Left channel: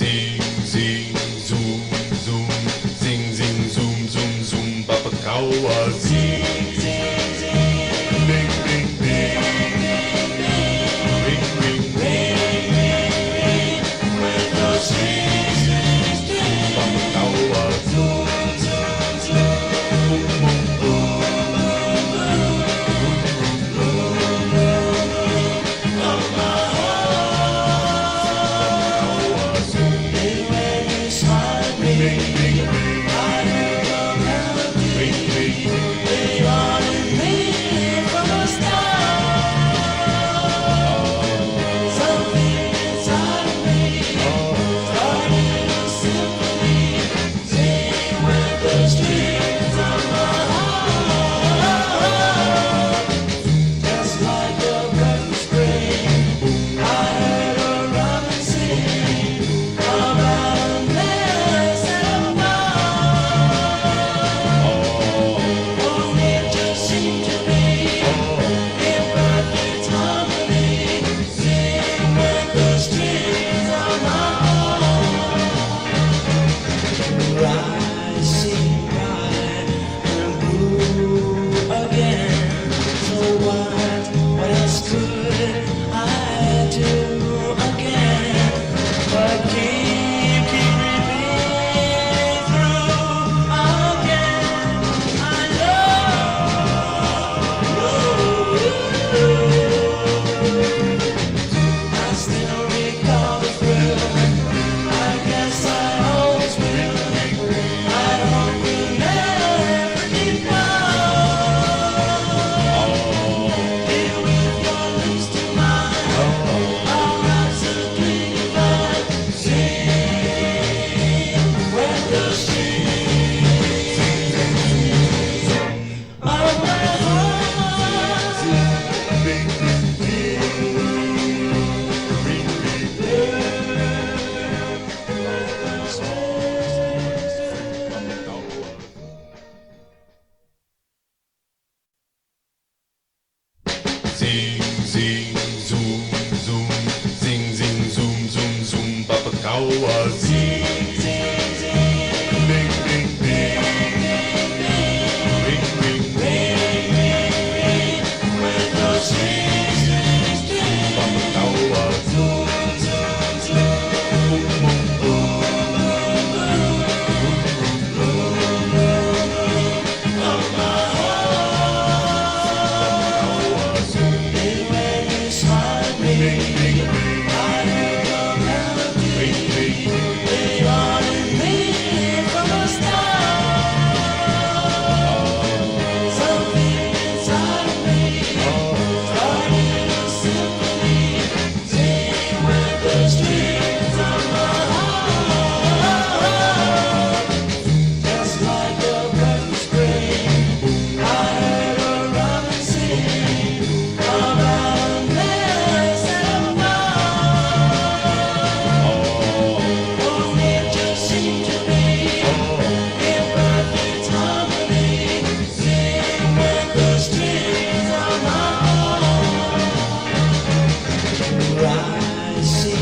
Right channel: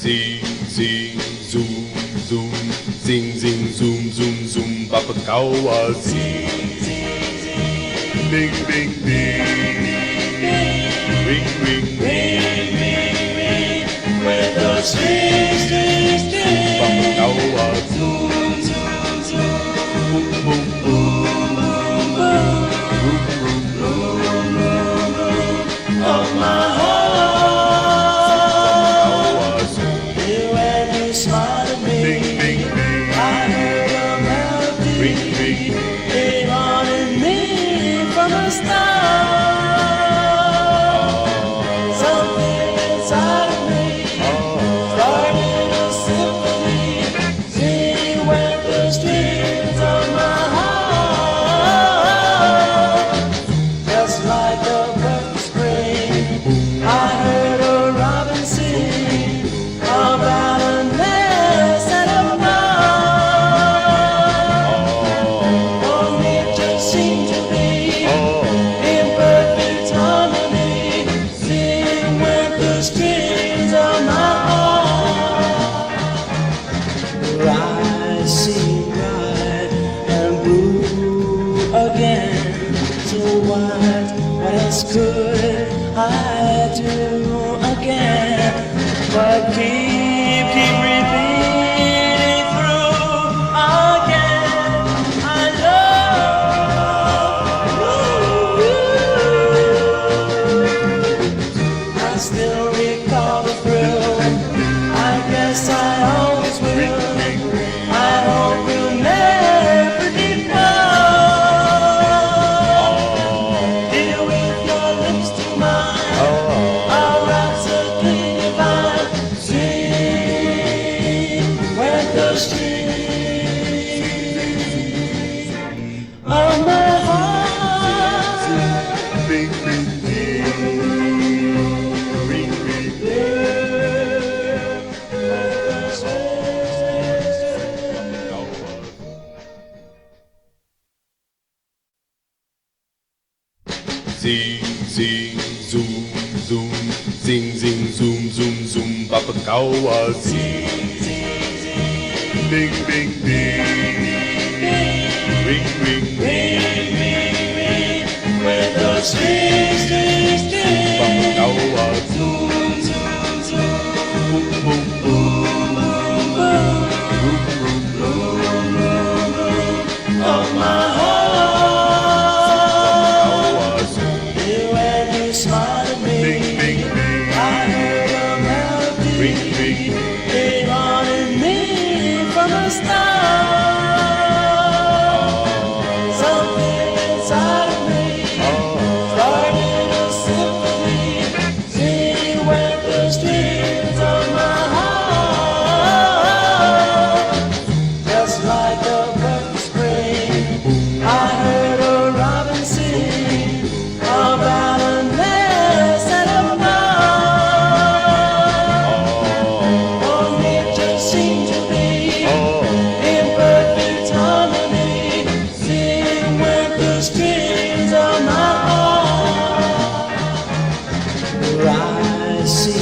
Zing, zing, zoom, zoom, zing, zing, zoom, zoom, zoom, Babakawa, zing, ding, ding, ding, ring, ring, ring, with the strings, Babakawa, zoom, zoom, zoom, boom, boom, boom, boom, boom, boom, boom, of my heart. Zing, zing, zoom, zoom, zing, zing, zoom, zoom, zoom, Babakawa, zing, ding, ding, ding, ring, ring, ring, with the strings, Babakawa, zoom, zoom, zoom, boom, boom, boom, boom, boom, boom, of my heart. I see